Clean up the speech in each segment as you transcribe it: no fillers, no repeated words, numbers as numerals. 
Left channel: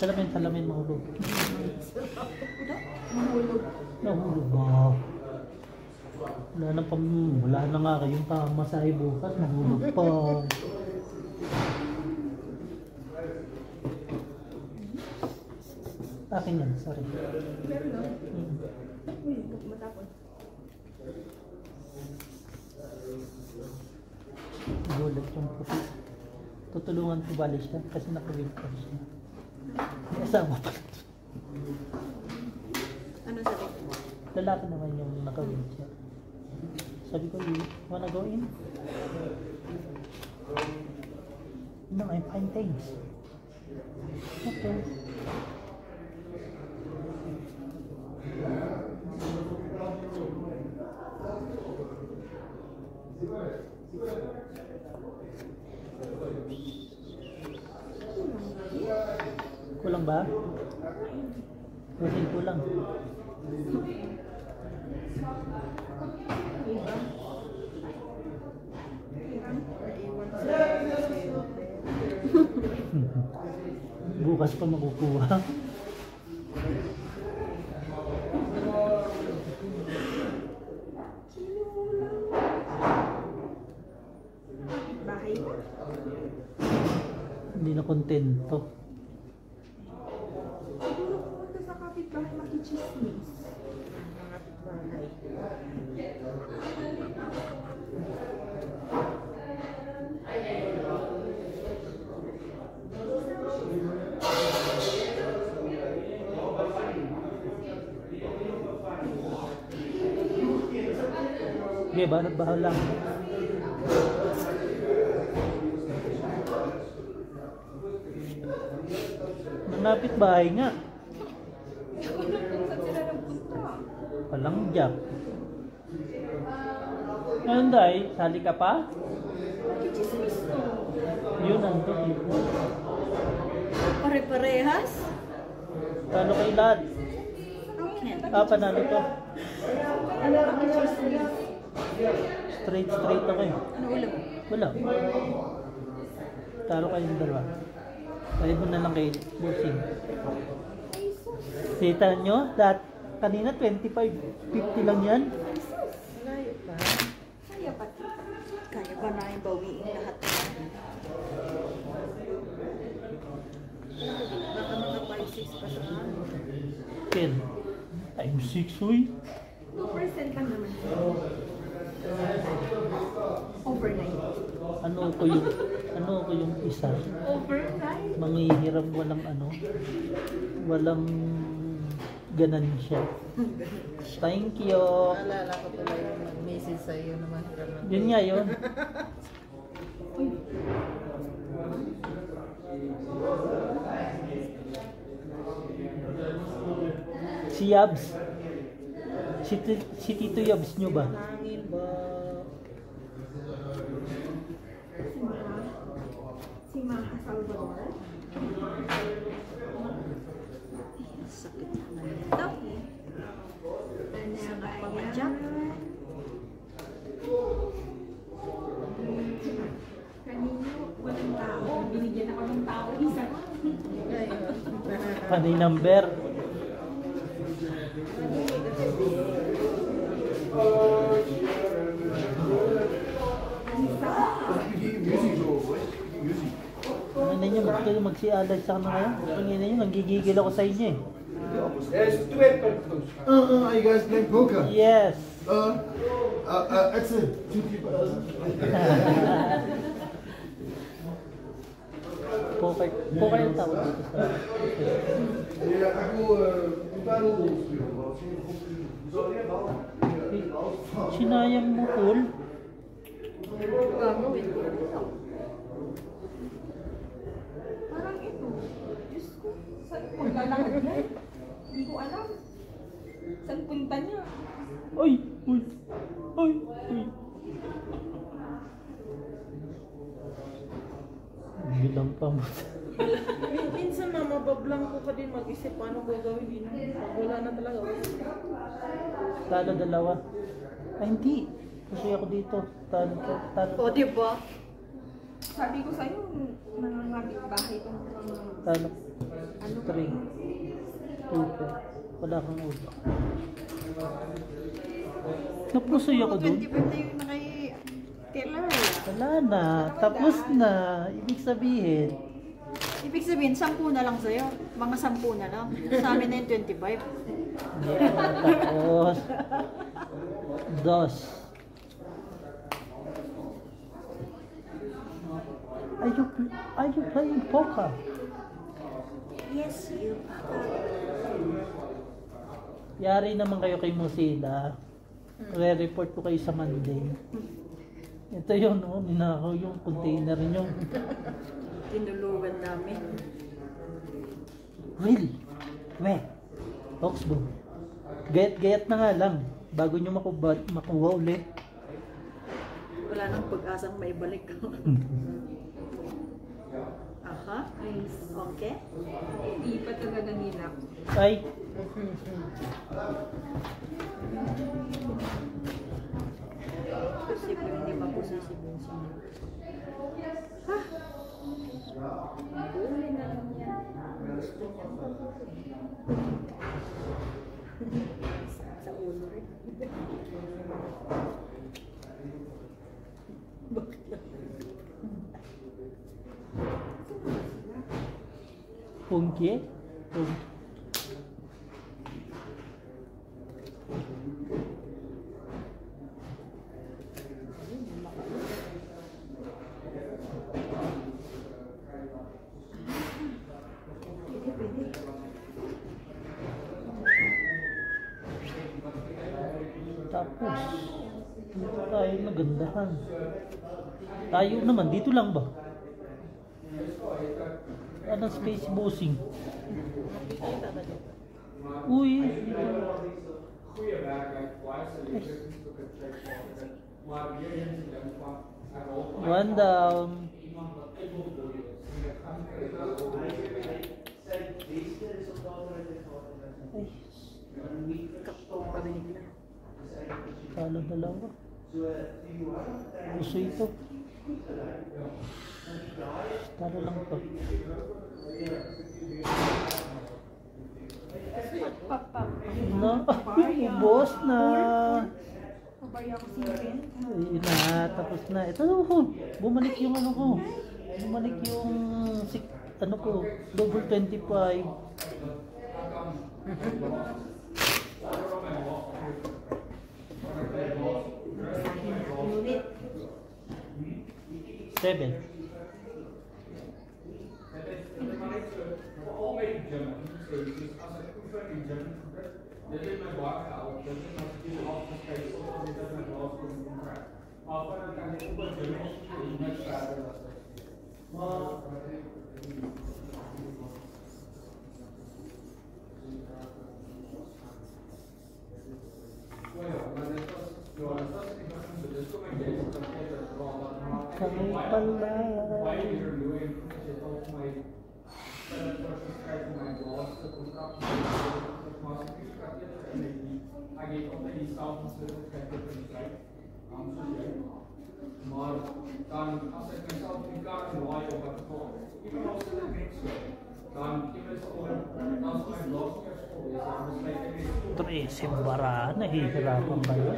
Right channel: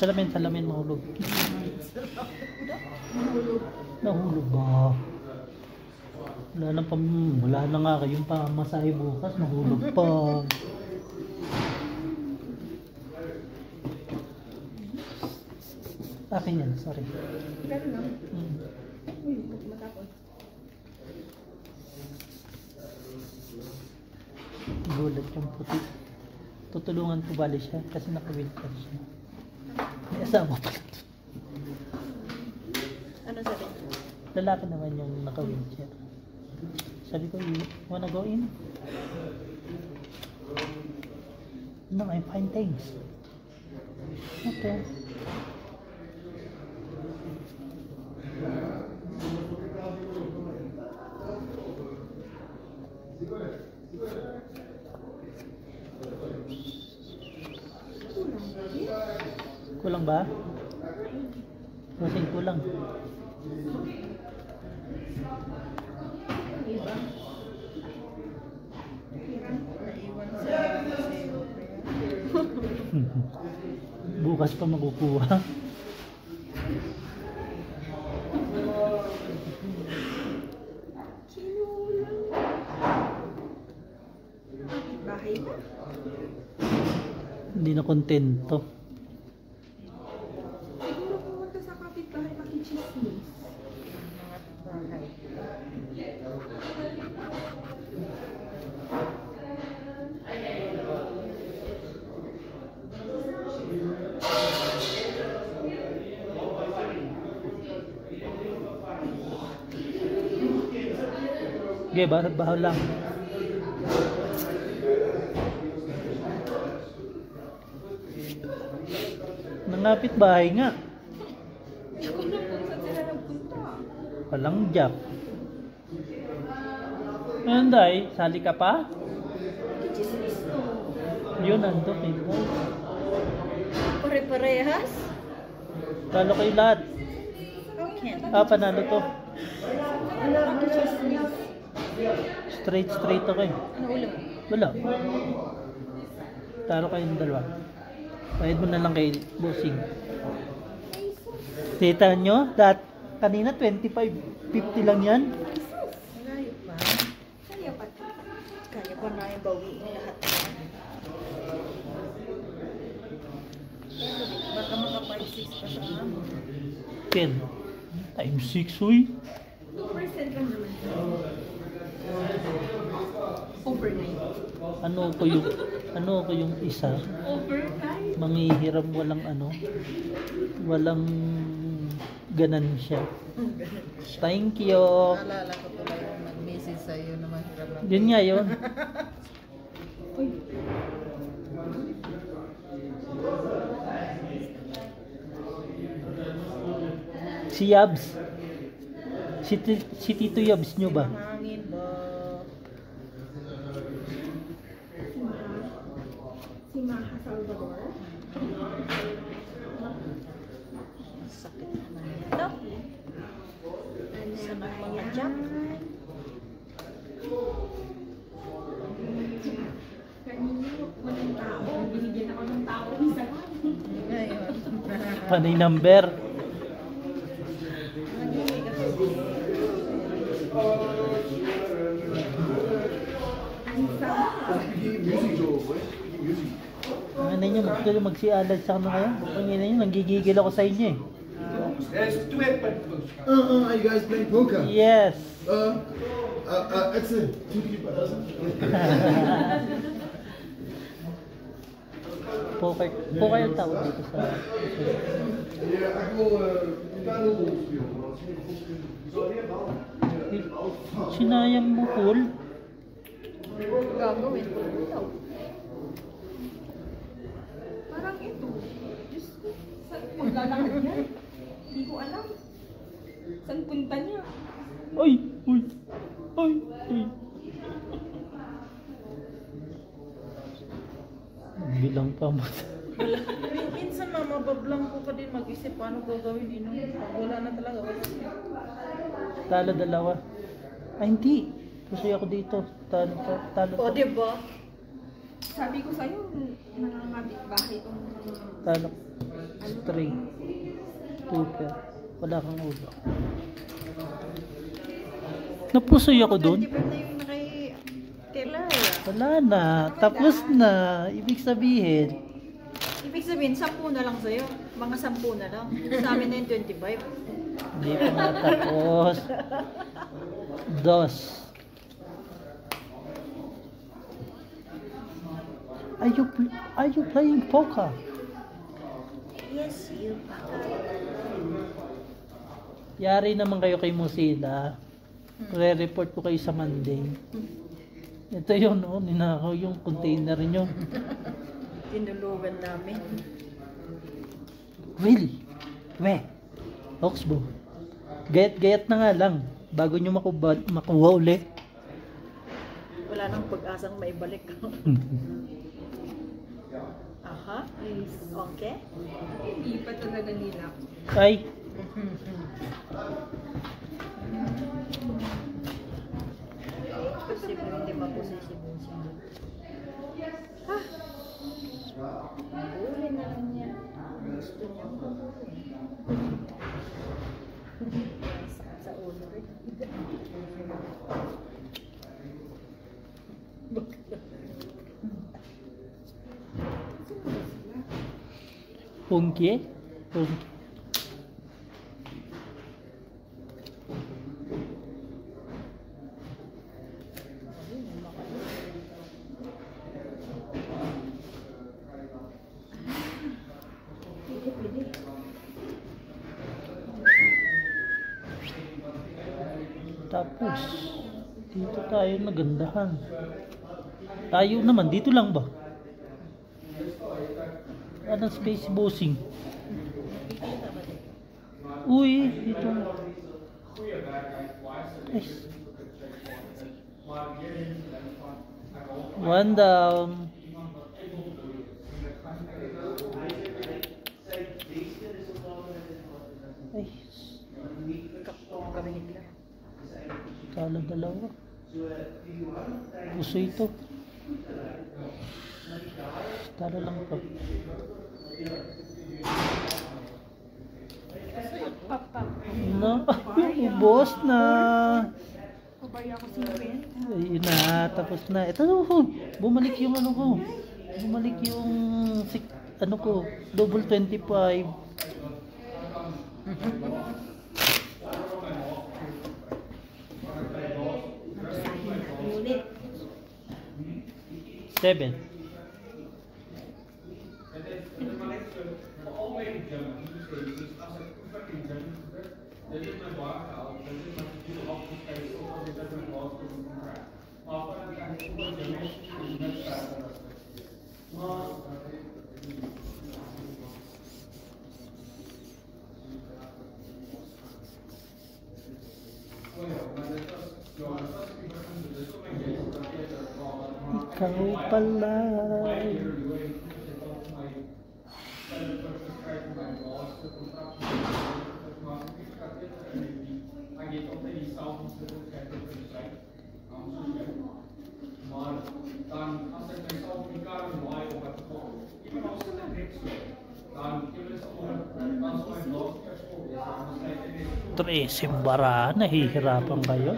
Salamin, nahulog. Mahulog. Nahulog ba? Wala na nga kayong pamasahe bukas, nahulog pa. Akin yan, sorry. Pero no? Uy, matapon. Gulat yung puti. Tutulungan ko bali siya kasi naka-wheelchair siya. Kasama pa. Ano sabi? Lalaki naman yung naka-wheelchair. Sabi ko, you wanna go in? No, I'm fine, thanks. Okay. Kulang ba? Kasing kulang. Iba? Naiwan sa sa'yo. Bukas pa makukuha. Bahay ba? Hindi na kontento. Siguro pumunta sa kapitbahay makichismis. Mga kapitbahay. Okay, bahal lang. Malapit bahay nga. Walang job. Ngayon day, sali ka pa? Makichismis to. Yun, nandun eh. Pare-parehas? Talo kayo lahat. Okay. Panalo to. Makichismis. Straight ako eh. Ano ulo? Wala. Talo kayong dalawa. Bayad mo na lang kay Lucy. Kita nyo? Kanina 25, 50 lang yan. Malayo pa. Kaya pa. Kaya pa na yung bawiin lahat. Baka maka 5-6 pa sa amin. 10 times 6, uy. 2% lang naman. Overnight. Ano ko yung isa? Overnight? Manghihiram walang ganansya. Thank you. Naalala ko tuloy yung nag-message sa iyo na mahiram na. Yun nga yun. Si Yabs. Si Tito Yabs nyo ba? Mahangin ba? Si Maha Salvador? Sakit naman ito. Ano ba Mga yan? jump. Kanina, walang tao. Binigyan ako ng tao isa. Ngayon. Panay number. Ano nyo, magtuloy magsialad sa ano kayo? Tingin nyo, nanggigigil ako sa inyo eh. Are you guys playing poker? Yes. It's a two-keeper. Poker yung tawag dito sa... Yeah, I go battle. Sinayang mo, Paul. Gagawin ko. Parang ito. Diyos ko. Saan punta lahat niya? Hindi ko alam. Saan punta niya? Uy! Bilang pa mo. Minsan mabablang ko ka din mag-isip paano gagawin din. Pag wala na talaga. Talo dalawa. Ay, hindi. Kasi ako dito. Talo. O, diba? Sabi ko sa'yo, mga bahay itong... Talo. String. Tuper. Wala kang ulo. Napusoy ako dun. 25 na yung kay Taylor. Wala na. Tapos na. Ibig sabihin. Ibig sabihin, 10 na lang sa'yo. Mga 10 na lang. Sa amin na yung 25. Hindi pa na tapos. Dos. Are you playing poker? Yes, you. Yari naman kayo kay Musila. Re-report ko kayo sa Monday. Ito yun, no? Ninakaw yung container nyo. Tinulugan namin. Really? We? Oxbow. Gayat-gayat na nga lang. Bago nyo makuha uli. Wala nang pag-asang maibalik. Aha. Okay. Hindi pa talaga nila. Ay, Posible hindi maposisible siya. Buli na lang niya. Gusto niya. Sa ulo rin. Punky? Punky. Tapos, dito tayo nagandahan. Tayo naman, dito lang ba? Anong space bossing? Nakikita ba dito? Uy, dito. Ay. One down. Ay, Kapag kami bigla. kala dalawa. Gusto ito. Tara lang pa. Na, ubos na. Pabaya ko si Ben. Ayun na, tapos na. Ito, bumalik yung ano ko. Bumalik yung ano ko, double 25. Unit. 7. Ikaw pala. Simbara, nahihirapan kayo.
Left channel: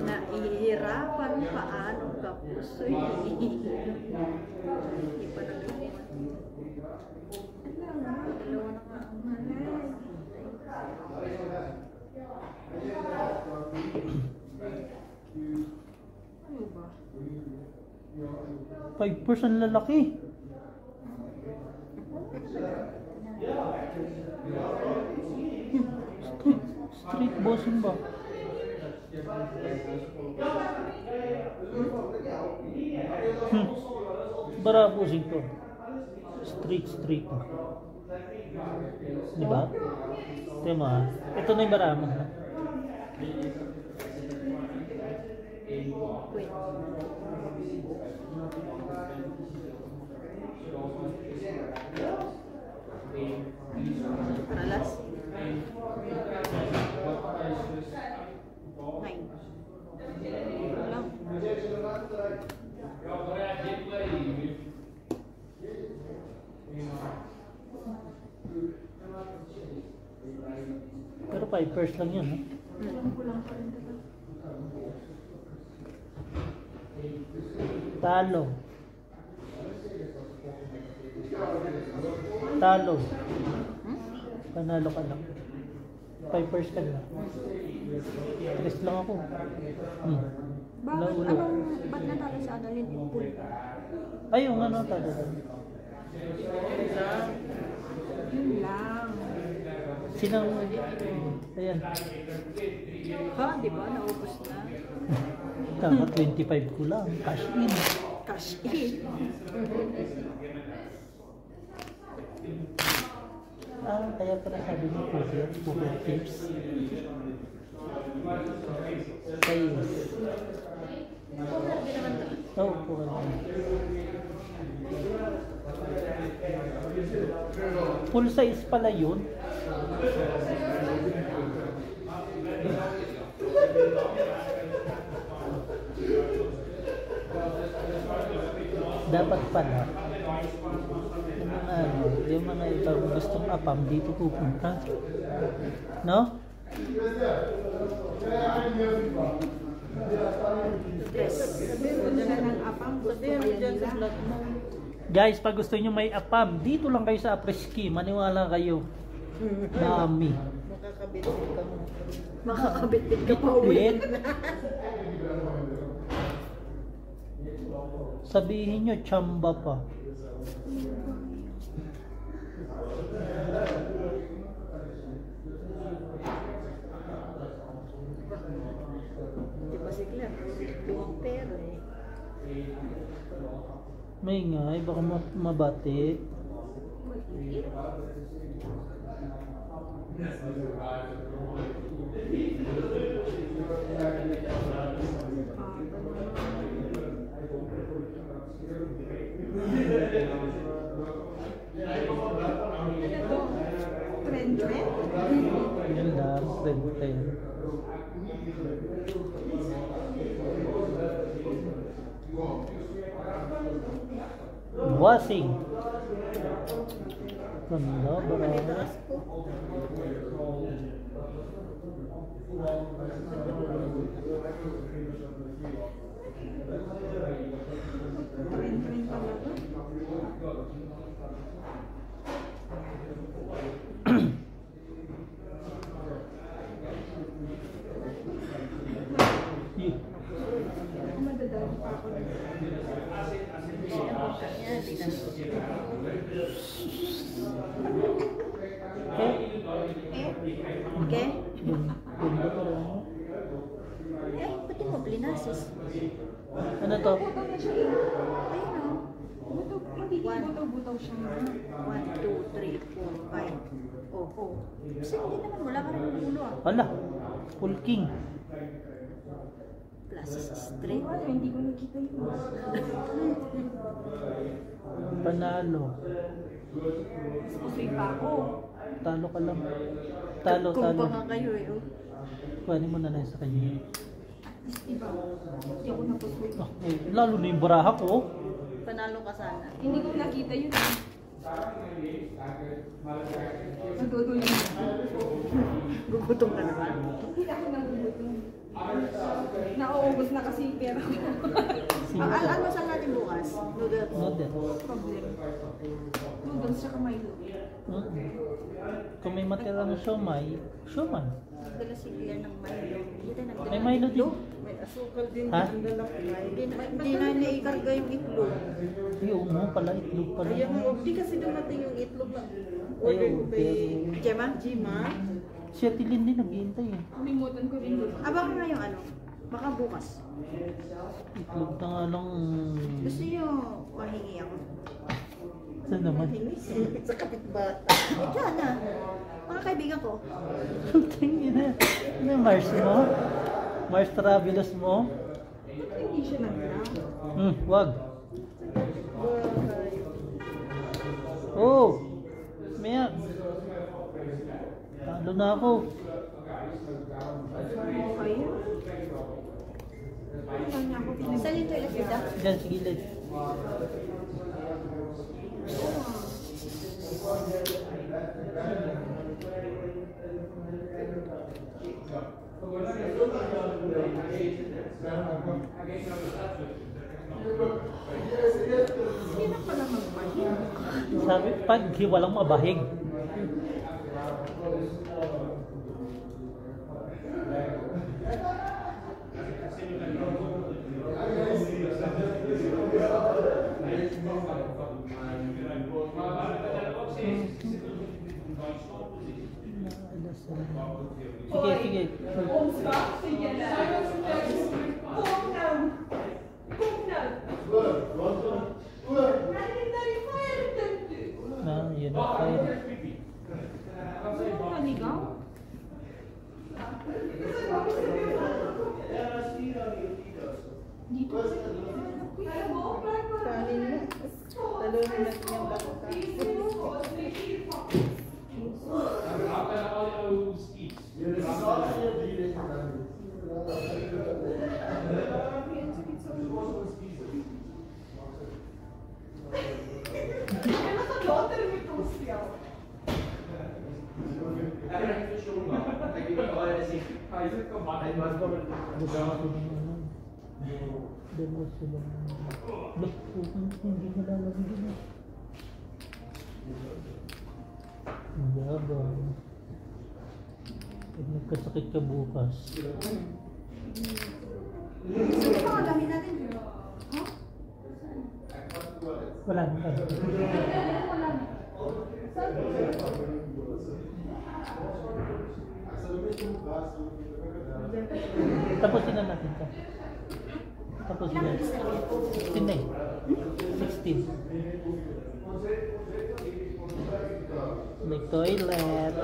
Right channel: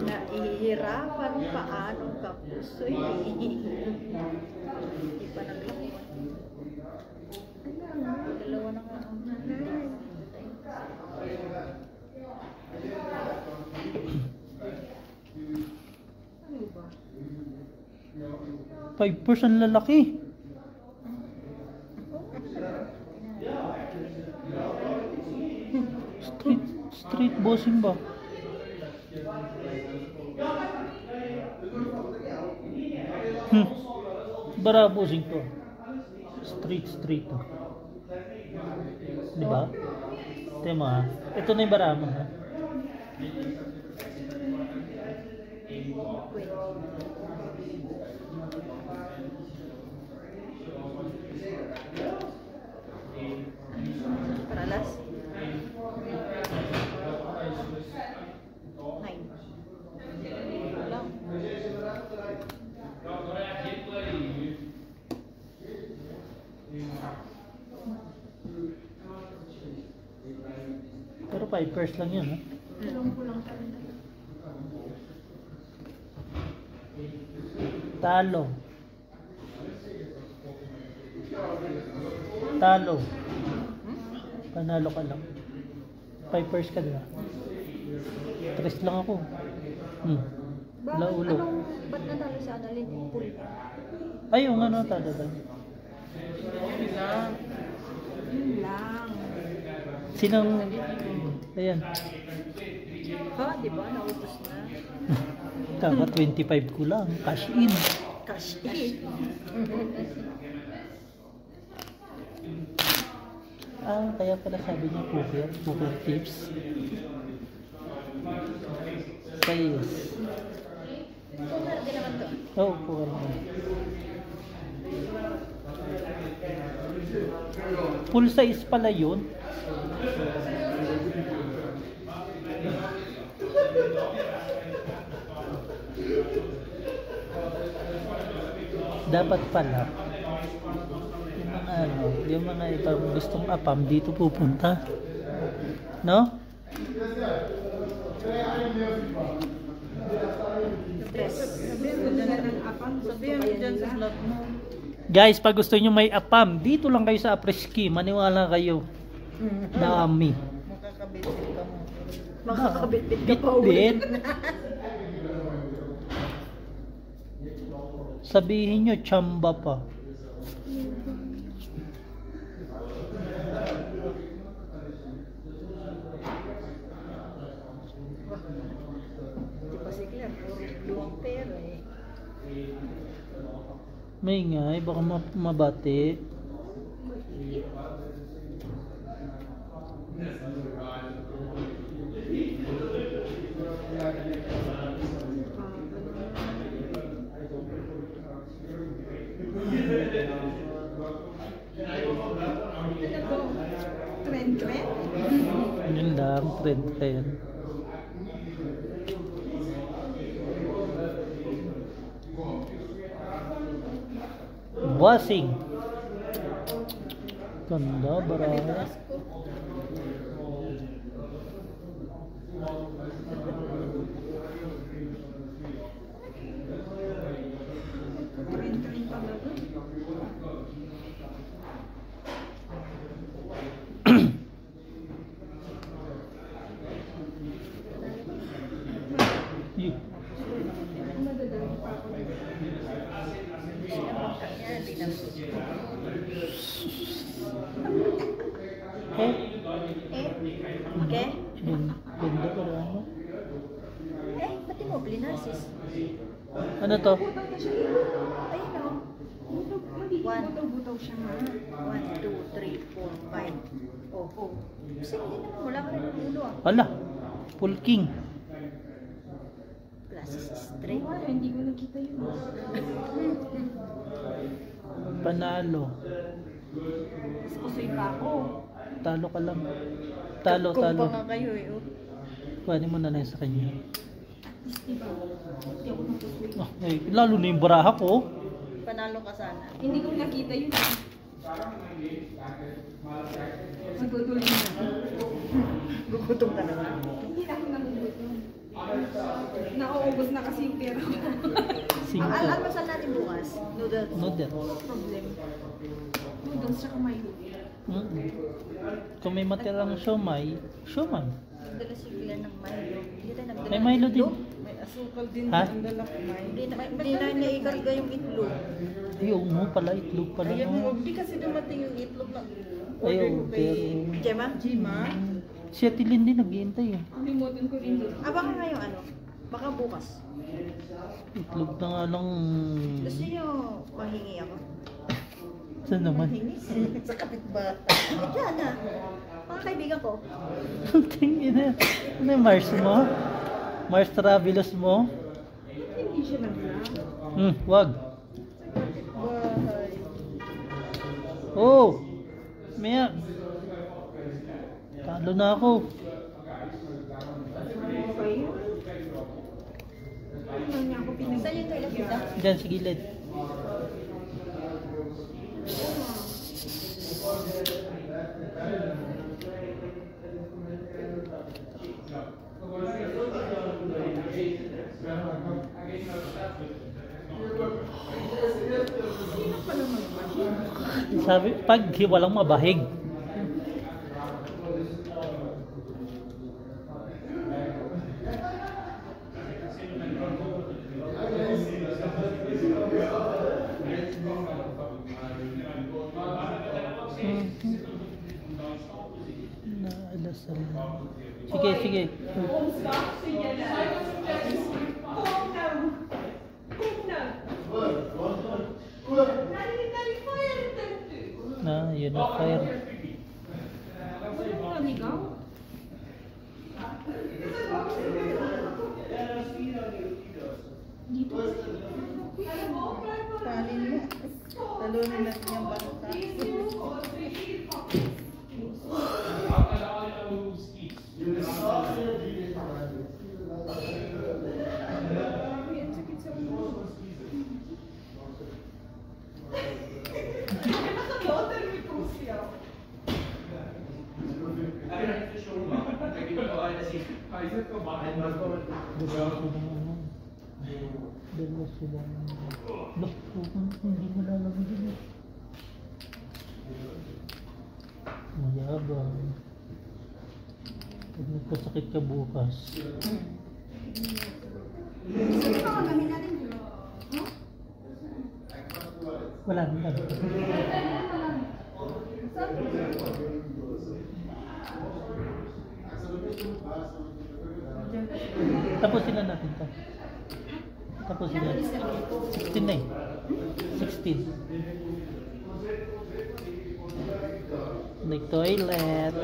Nahihirapan paano tapos hindi pa naglawan. Dalawa na nga ang Ano ba? 5% lalaki. Street bossing ba? Bara bossing to. Street to. Di ba? Tema. Ito na yung barama. Ha? paralas. 9. Lang. 5 lang yan, ha? Alam ko lang pa rin. Talo. Talo. Panalo ka lang. 5 ka na. 3 lang ako. Bakit? Laulo. Ba't natalo si Annalyn? Pool. Ay, yung ano, talo lang. Yun lang. Yun lang. Sinang, ayan. Ha? Di ba? Naubos na. Dapat 25 ko lang. Cash in. Cash in. Kaya pala sabi niya poker tips. Kaya yes. Poker din naman to. Oh, poker. Full size pala yun. Dapat pala yung mga ibang gustong apam dito pupunta, no? Sabihin mo dyan sa slot mo. Guys, pag gusto nyo may apam, dito lang kayo sa Apreski, maniwala kayo na ami. Makakabit-bit ka mo. Makakabit-bit ka pa ulit. Sabihin nyo, chamba pa. Di ba si Claire? Luwang pera eh. May ngay, baka mabati. Trend. Yan lang, trend kayo. Bossing. Ganda, Ay, barang. manitaas ko. Trend talaga. Yeah. Madadali pa ako. Okay? Ganda barang. Ba't di mo blinasis? Ano to? Ayun o. Magiging One. butaw-butaw siya nga. 1, 2, 3, 4, 5. Oh. Kasi hindi naman wala ka rin ng ulo ah. Wala. Full king. Plus is straight. Ano, hindi ko nakita yun. Panalo. Mas kusoy pa ako. Talo ka lang. Talo. Kung pa nga kayo eh. Oh. Kuhanin mo na lang sa kanya. At least, diba? Hindi ako nakusoy. Eh, lalo na yung baraha ko. Panalo ka sana. Hindi ko nakita yun. Nagugulo na. Gugutom ka naman. Hindi na ako nagugutom. Nauubos na kasi yung pera ko. Almasal natin bukas. Noodles. Noodle. Problem. Noodles tsaka Milo. Kung may matirang siomay, siomay. Nagdala si Claire ng Milo. Dito nagdala May ng Milo din. itlog. May asukal din Ha? ang dalak. Hindi na naikarga yung itlog. Ay, oo mo pala, itlog pala. Kaya mo, di kasi dumating yung itlog na order ko kay Gemma? Jima. Si Atilin din nag-iintay eh. Kalimutan ko rin yun. Abangan nga yung ano. Baka bukas. Itlog na nga lang. Gusto niyo mahingi ako? Saan naman? Hingis. Sa kapitbata. Yan na. Mga kaibigan ko. Tingin na. Ano yung Mars mo? Mars Travelers mo? Hindi siya nagla. Wag. Bahay. Oh! Maya. Talo na ako. Okay. Ano niya ako pinag- Saan yung toilet nila? Diyan sa gilid. Sino pala magbahig? Sabi, pag walang mabahig. Sige, sige. Sige na. Na, yun ang fire. Panin mo. Talunin natin yung bangka. Dalawa sila. Look, hindi malalagay din. Mayabang. Pag nagkasakit ka bukas. Sino pa ang dami natin? Wala na. Tapusin na natin ito. Tapusin na. 16 na eh. 16. Nag-toilet.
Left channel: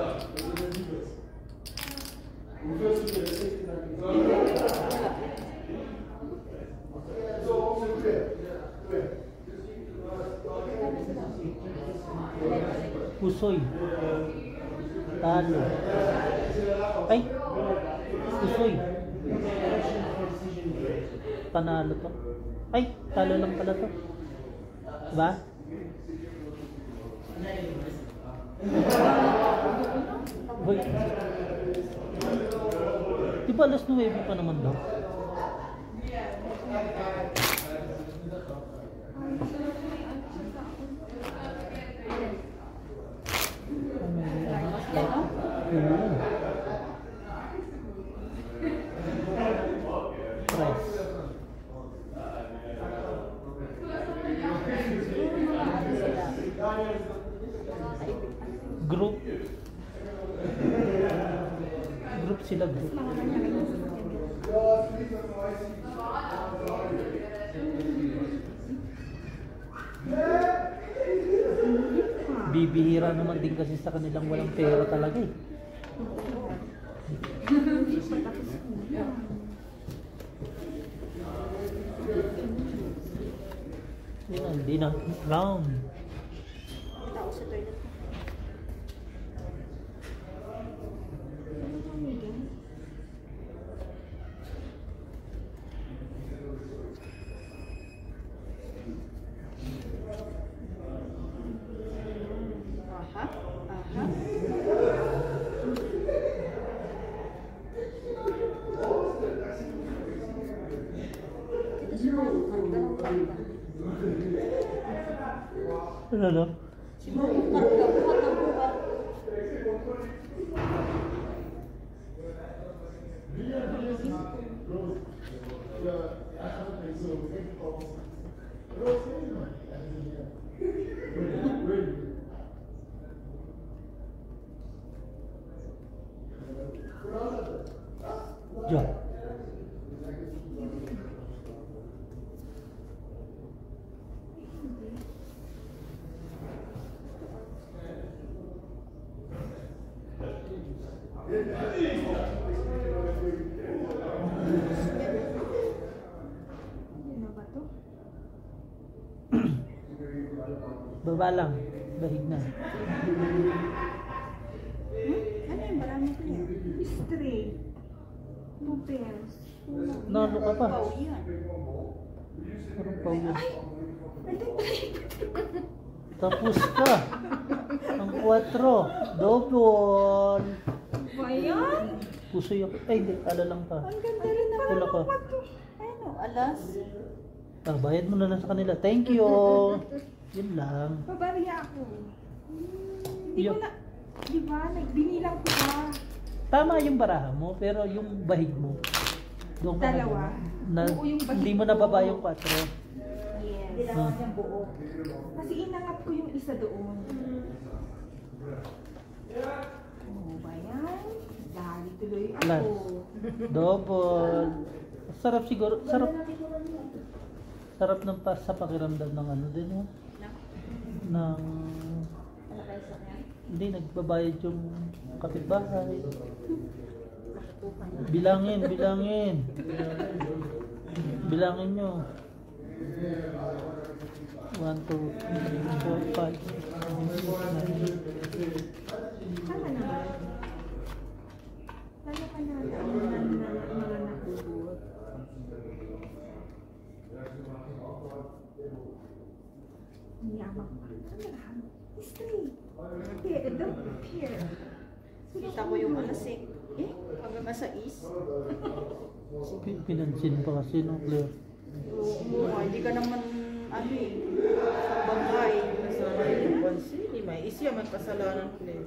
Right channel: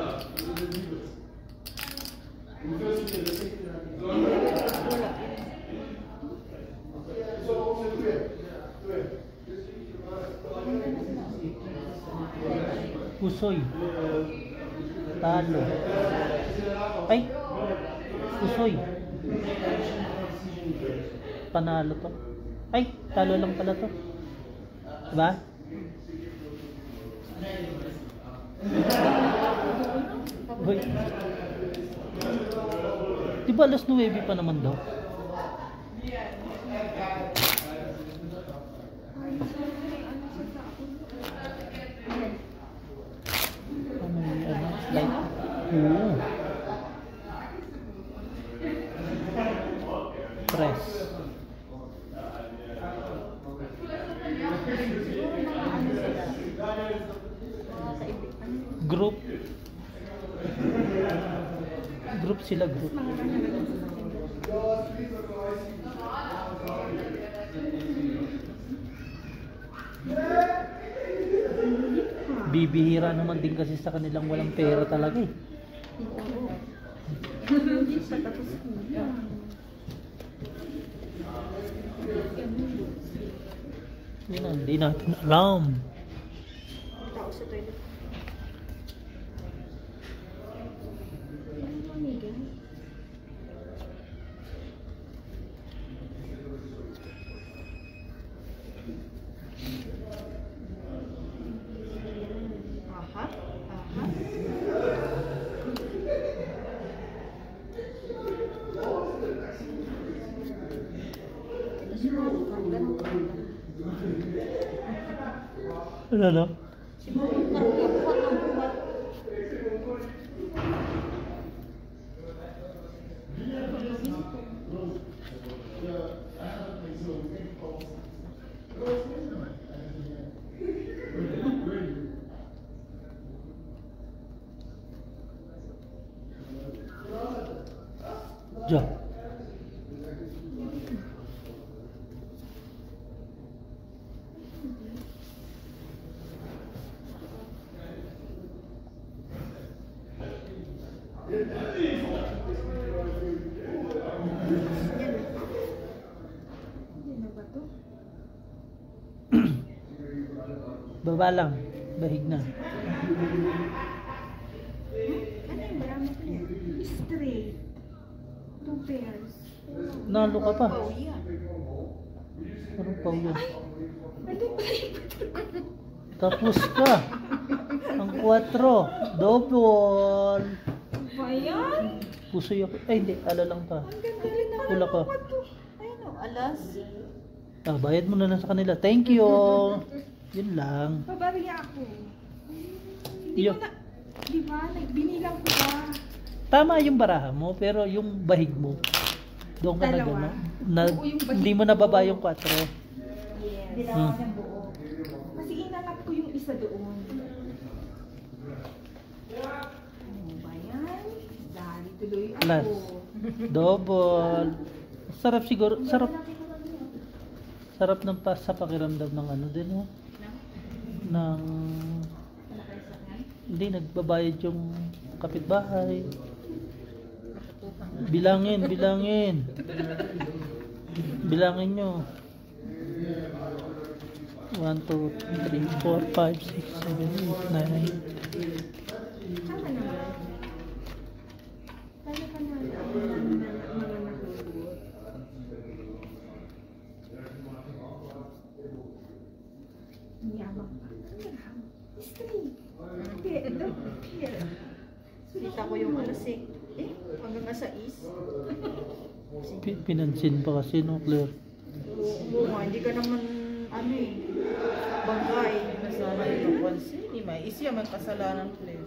Pusoy. Talo. Ay! Pusoy. Panalo pa. Ay! Talo lang pala to. Diba? Hoy. Diba alas 9 pa naman daw? Press. Group. Group sila, group. Bibihira naman din kasi sa kanilang walang pera talaga eh. Yun ang di natin alam. Ano no? Ja. Baba lang, bahig na. Ano yung marami ko yan? Stray. 2 pairs. Nalo ka pa. Oh, yan. Ano pa yun? Tapos ka. Ang 4. Double. Ba yan? Pusoy ako. Ay, hindi. Ala lang pa. Ang ganda rin naman Wala ng ka. kwarto. Ano, alas. Ah, bayad mo na lang sa kanila. Thank you. Yun lang. Pabariya ako. Hindi Iyo. ko na, di ba, binilang ko ba? Tama yung baraha mo, pero yung bahig mo. Doon ka na Dalawa? gano'n. Na, Oo, yung bahig hindi mo ko. nababa yung 4. Yes. Ginawa ko siyang buo. Kasi inangat ko yung isa doon. Ano ba yan? Dahil tuloy Alas. ako. Double. Sarap siguro. Sarap ng sa pakiramdam ng ano din, no? Ng... Hindi, nagbabayad yung kapitbahay. Bilangin. Bilangin nyo. 1, 2, 3, 4, 5, 6, 7, 8, 9. Tama naman. Tayo ka na mga nahugot. Yaman pa. History. Here. Kita ko yung alas eh. Hanggang nasa is. Pinansin pa kasi, no, Claire? Oo, hindi ka naman, ano eh, bangkay. Nasana yung napansin. Di may isya may kasalanan ko eh.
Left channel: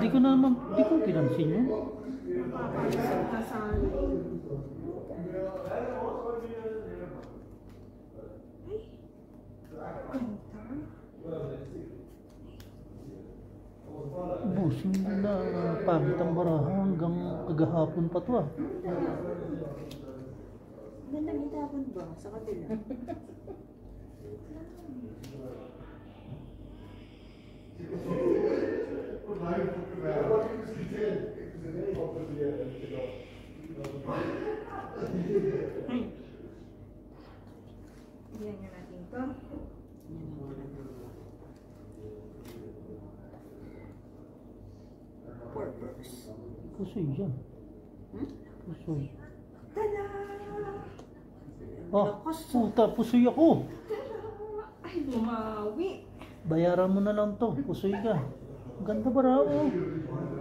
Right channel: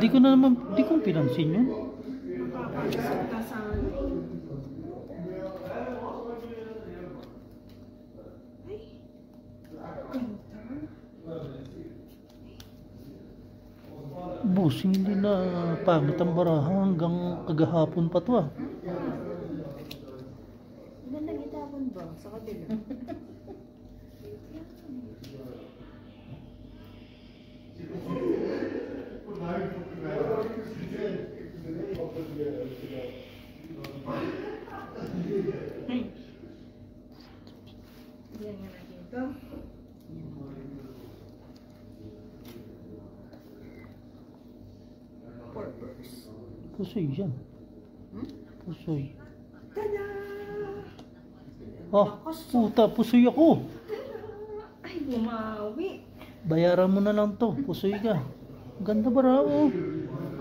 Di ko pinansin yun. Kasal. Ay. Busing din na pangit ang baraha hanggang kagahapon pa to ah. Gandang itapon ba? Sa kabila. Yan nga natin to. Purpose. Pusoy yan. Pusoy. Tada! Ah, puta, pusoy ako. Ay, bumawi. Bayaran mo na lang to. Pusoy ka. Ganda baraha oh.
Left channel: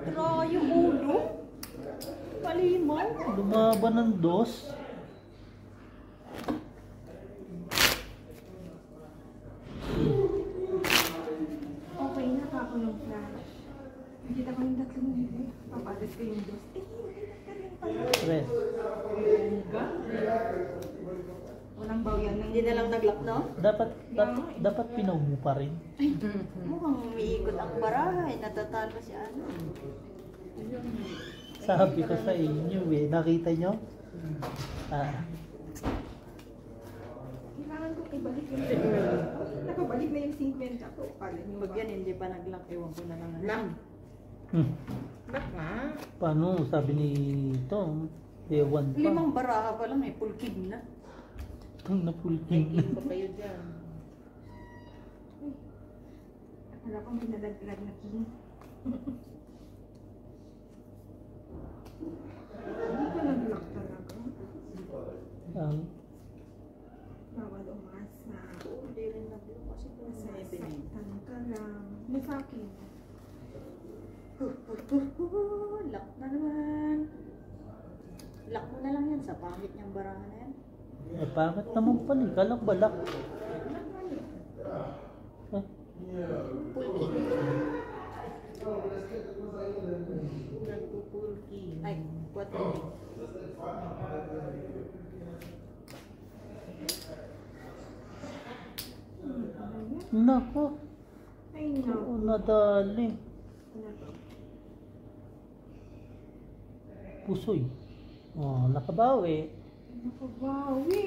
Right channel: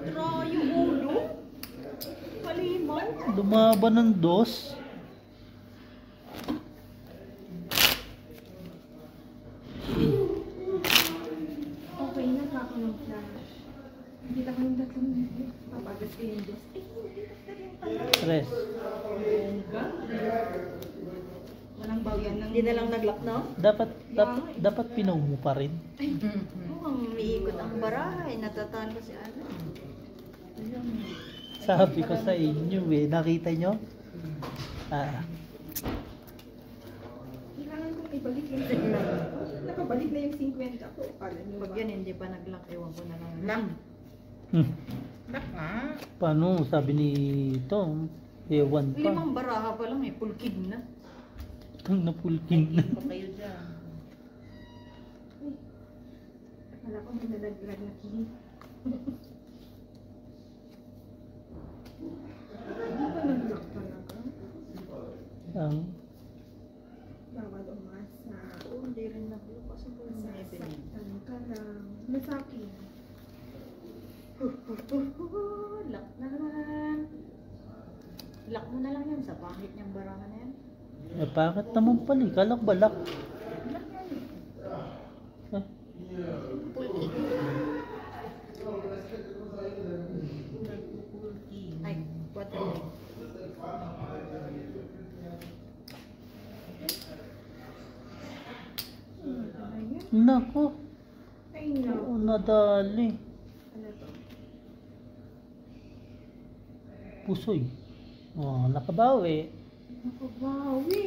Trayo ulo. Kalimaw. Lumaban ng 2. Okay na ka ako ng flash. Hindi ako yung 3 minutes. Papagas ko yung 2. Eh, hindi na 3. walang bawian ng... Hindi na lang nag-lock, no? Dapat pinaw mo pa rin. Mukhang umiikot ang baraha eh. Natatalo si ano. Sabi ko sa inyo eh. Nakita nyo? Ah, Kailangan kong ibalik yung... Nakabalik na yung 50 ko. Kala niyo Pag yan hindi pa nag-lock, ewan ko na lang. Lang. hmm. Bak nga. Paano? Sabi ni Tom. Ewan pa. 5 baraha pa lang eh. Pulkid na. Itong May napulking na. game pa kayo dyan. Wala kang pinalaglag na king. Hindi ka nag-lock talaga. Bawal umasa. Oo, hindi rin nag-lock kasi po may pinag. Masasaktan ka lang. Masakin. Lock na naman. Lock mo na lang yan sa pangit niyang baraha na yan. Eh, bakit naman pala? Kalak balak. Ah, Pulkid. Nagpupulki. Ay, 4. nako. Ay, no. Nadali. Ano to? Pusoy. Oh, nakabawi. Nakabawi.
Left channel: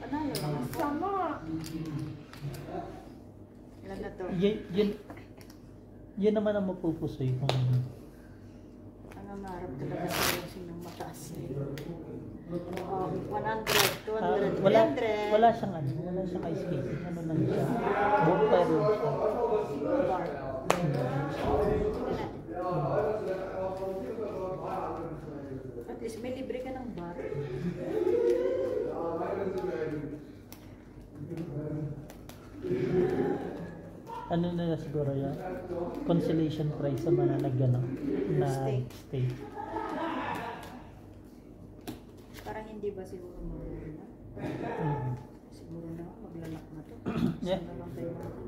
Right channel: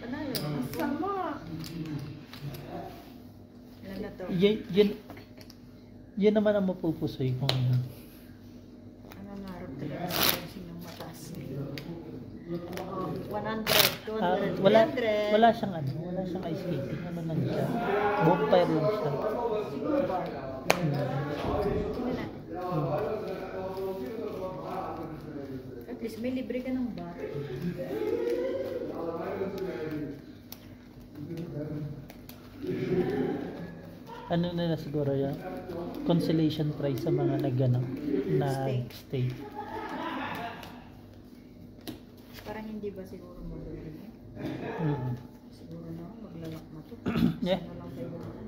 Panalo. Sama. Ilan na to? Yan naman ang mapupusoy kung ano. Ano naharap talaga sa sinong mataas? 100, 200, Wala siyang ano, wala siyang ice skating. Ano lang siya. Bonfire lang siya. Bar. At least may libre ka ng bar. Ano nila siguro yan? Consolation prize sa mga nag-ano, na stay. hindi ba siguro maglalak? Mm. Siguro na maglalak na to. Yeah. Isa na lang kailangan.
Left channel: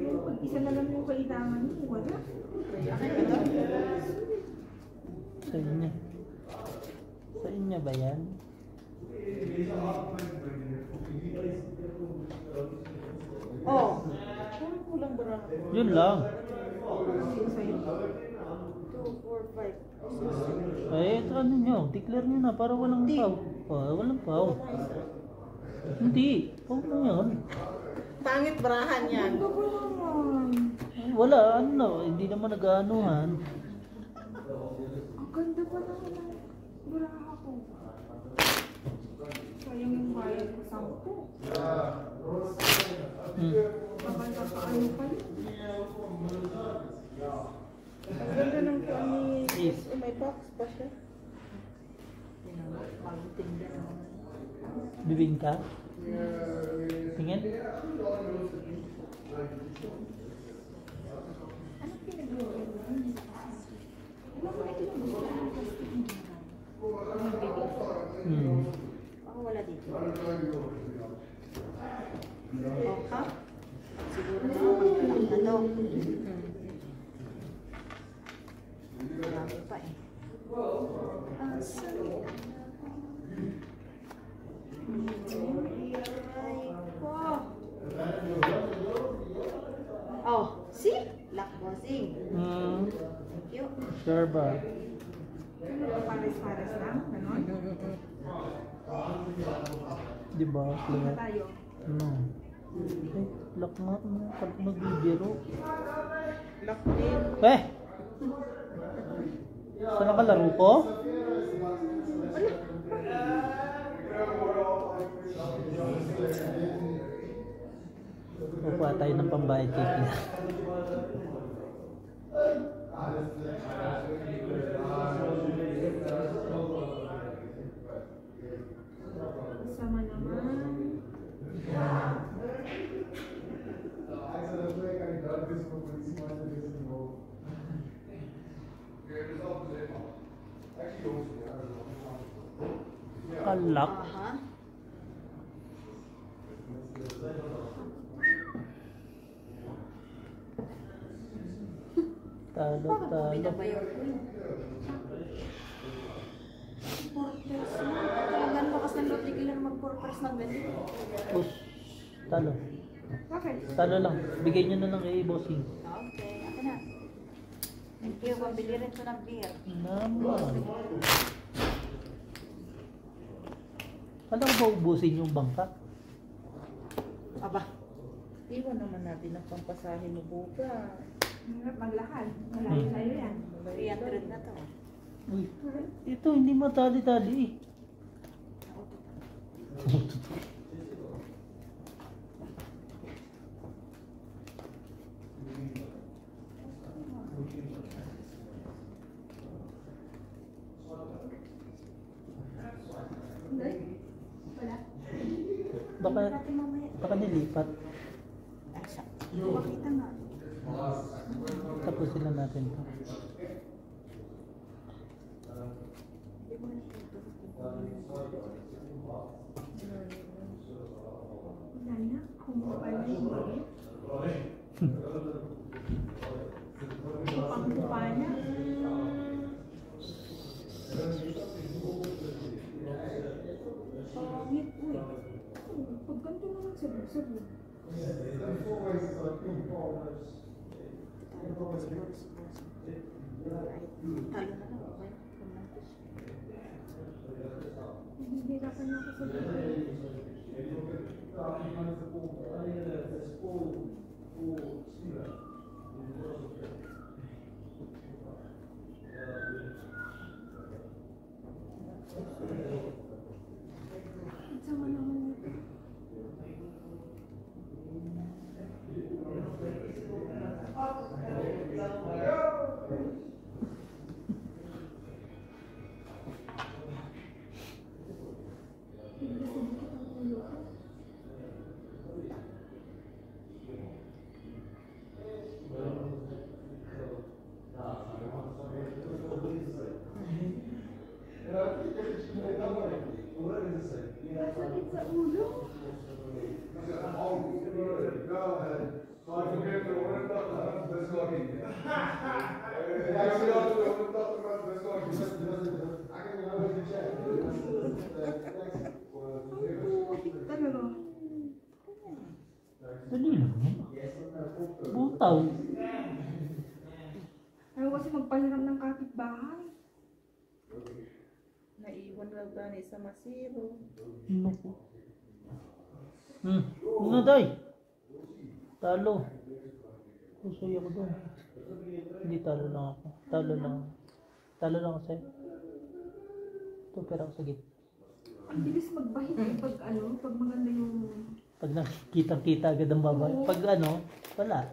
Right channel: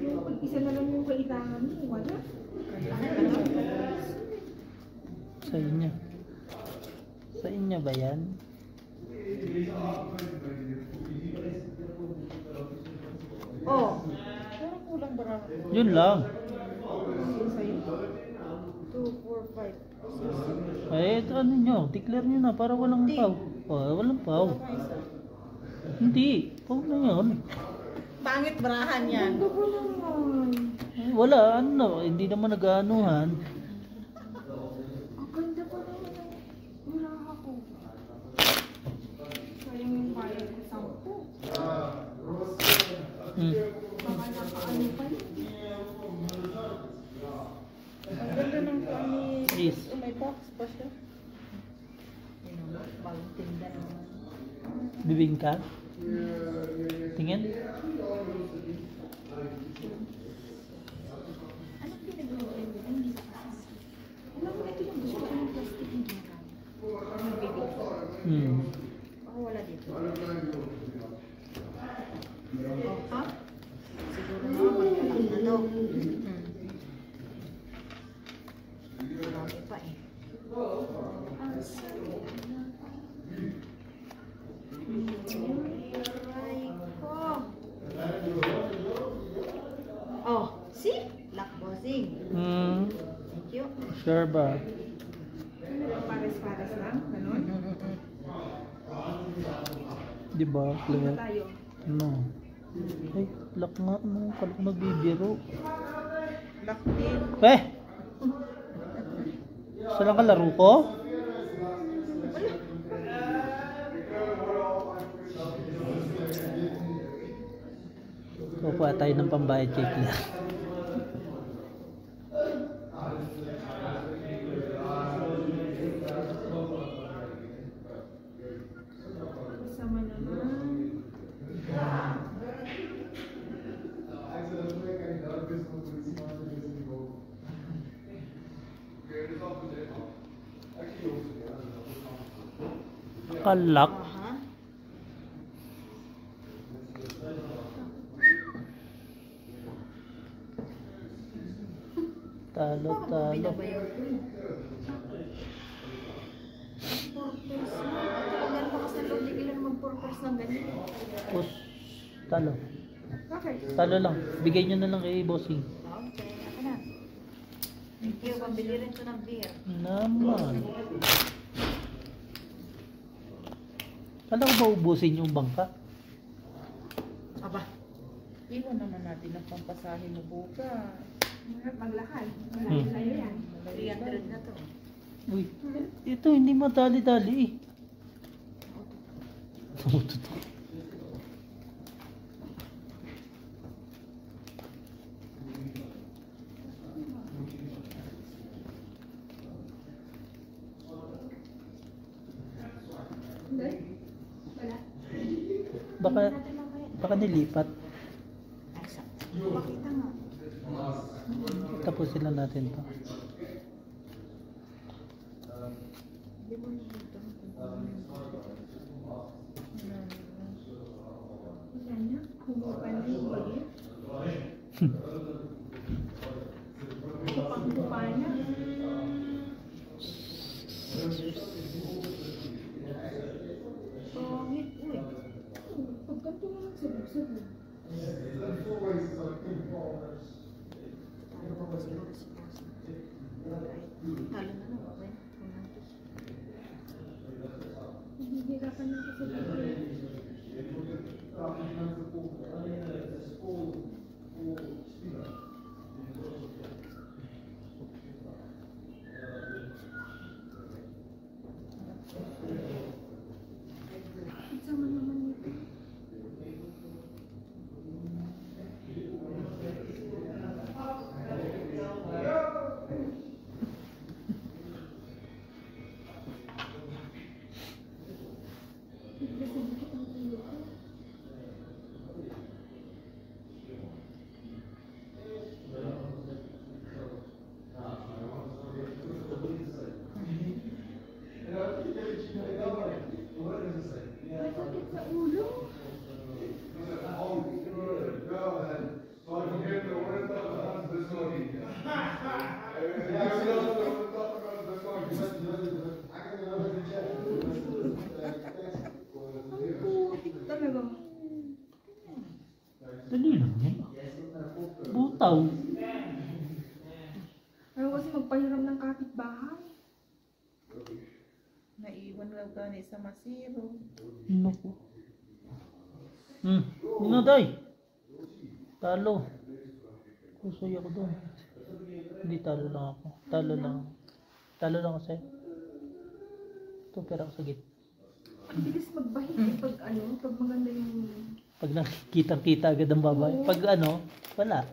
Yung pag isa na lang yung kailangan mo, wala. Sa inyo. Sa inyo ba yan? Oh! Parang kulang bara. Yun lang. 2, 4, 5, 6. Eh, ito ano nyo? Declare nyo na para walang pau. Walang pau. Wala pa isa. Hindi. Huwag na yun. Pangit barahan yan. Ano ba naman? Wala, ano. Hindi naman nag-aanuhan. Ang ganda pa naman ng baraha ko. Sayang yung bayad ko 10. Hmm. Baka nakaano pa yun. Ang ganda ng kuha ni... Yes. Oh, may box pa siya. Bagong tinda naman. Bibingka? Tingin? Anong pinagawa mo? Alam mo, ito yung gusto ko ng plastic mo. Yung baby. Hmm. Baka wala dito. Oh, ha? Siguro na maglalak na to. Marami pa eh. Aray ko. Oh, see? Lock bossing. Hmm. Thank you. Sure ba? Ano ba, pares-pares lang? Ganon? Di ba? Ano Diba? tayo? Ano? Ay, lock nga. Ano? Kalak magbibiro. Lock din. Eh! Saan nakalaro ko? Kukuha tayo ng pambayad kay Claire. Sama naman. Kalak. Aha. Talo, Bakit mo talo. binabayaw ko? Purpose na. Talagang lakas ng loob ni Pilar mag-purpose ng ganito. Tapos, talo. Bakit? Talo lang. Bigay nyo na lang kay Bossing. Okay, ako na. Thank you, pambili rin ito ng beer. Naman. Alam ba ubusin yung bangka? Aba, Iwan naman natin ang pampasahin mo bukas. Mahirap maglakad. Malayo sa'yo yan. 300 na to. Uy, ito hindi madali-dali eh. Hindi? Wala. Baka, Natin mamaya. baka nilipat. Asa? Pakita nga. Tapusin lang natin to. Wala na. Kumuha na yung bagay. Kupang-kupa na. Pangit, uy. Pag ganito naman sabog-sabog. Talo na lang, okay? Kumantos. Nahihirapan na ako sa bagay. Sama naman ito. Bigla sa dikit ang ulo ko. Dali lang yan. Butaw. Ayaw kasi magpahiram ng kapitbahay. Naiwan lang gani sa masiro. Naku. Day. Talo. Kusoy ako doon. Hindi talo lang ako. Talo lang. Talo lang ako sa'yo. Ito, pero ako sa gitna. Ang bilis magbahit pag maganda yung... Pag nakikita-kita agad ang babae. Pag wala.